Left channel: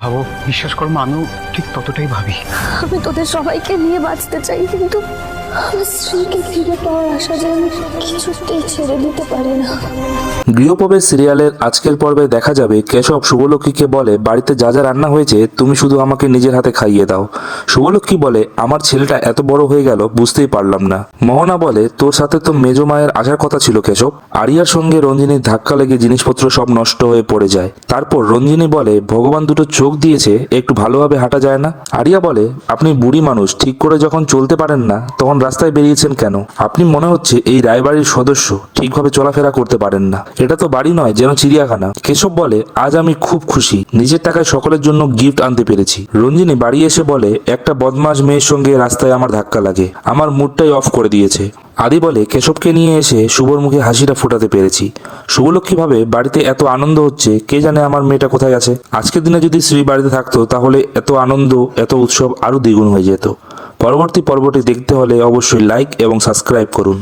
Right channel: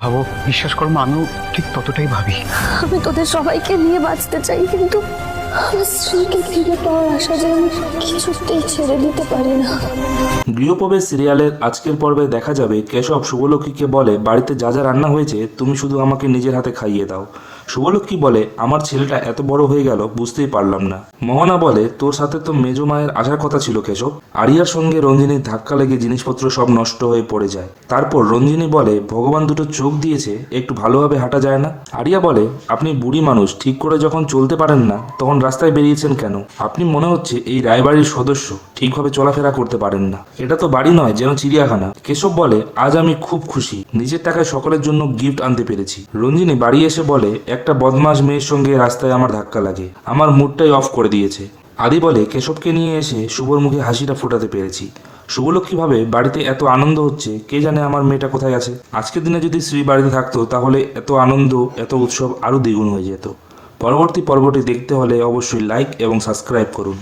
ভাবো, বিশ্বাস করো মা, আমিও ঠিক ততটাই ভাবি। আমি তোদের সবাইকে নিয়ে বাঁচতে চাই, কিন্তু আমার স্ত্রীকে ফিরে পাওয়ার আশা যে আমি কিছুতেই ছেড়ে দিতে পারি না। গৃহপ্রবেশ সিরিয়ালের আজকের পর্বে দেখা যাবে কেশব শুভলক্ষ্মীকে বলে, বাড়িতে যা যা রান্না হয়েছে তুমি শুধু আমাকে নিজের হাতে খাইয়ে দাও। শুভলক্ষ্মী বলে, আমার ছেলেটা এত বড় হয়ে গেল বুঝতেই পারলাম না। মোহনা বলে, তোর সাথে তো মেজো মায়ের আসার কথা ছিল কেশব। আরিয়ার সঙ্গে রঞ্জিনীর ধাক্কা লেগে জিনিসপত্র সব নষ্ট হয়ে পড়ে যায়। তারপর রঞ্জিনী বলে, ভগবান দুটো চোখ দিয়েছে, একটু ভালোভাবে হাঁটা যায় না? আরিয়া বলে, আপনি বুড়ি মানুষ, ঠিক করে যখন চলতে পারেন না তখন রাস্তায় বেরিয়েছেন কেন? আপনি মনে হচ্ছে এই রায়বাড়ির সদস্য, ঠিকভাবে চলাফেরা করতে পারেন না। এটা তো বাড়ি নয়, যেন চিড়িয়াখানা। কেশব বলে, আজ আমি খুব খুশি, নিজের টাকায় সকলের জন্য গিফট আনতে পেরেছি। রঞ্জিনী বাড়ি এসে বলে, একটা বদমাশ মেয়ের সঙ্গে রাস্তায় আমার ধাক্কা লাগে, আমার মুডটাই অফ করে দিয়েছে। আদি বলে, কেশবকে নিয়ে এসে শুভর মুখে হাসিটা ফোটাতে পেরেছি। শুভলক্ষ্মী ভাবে, বাড়িতে এত আনন্দ হচ্ছে, কে জানে আমার মেয়েটা কোথায় আছে। আজকের দিনে যদি শ্রী বাড়িতে থাকতো তাহলে এত আনন্দ, এত উৎসব আরো দ্বিগুণ হয়ে যেত। পরবর্তী পর্বটি দেখতে হলে অবশ্যই লাইক এবং সাবস্ক্রাইব করুন।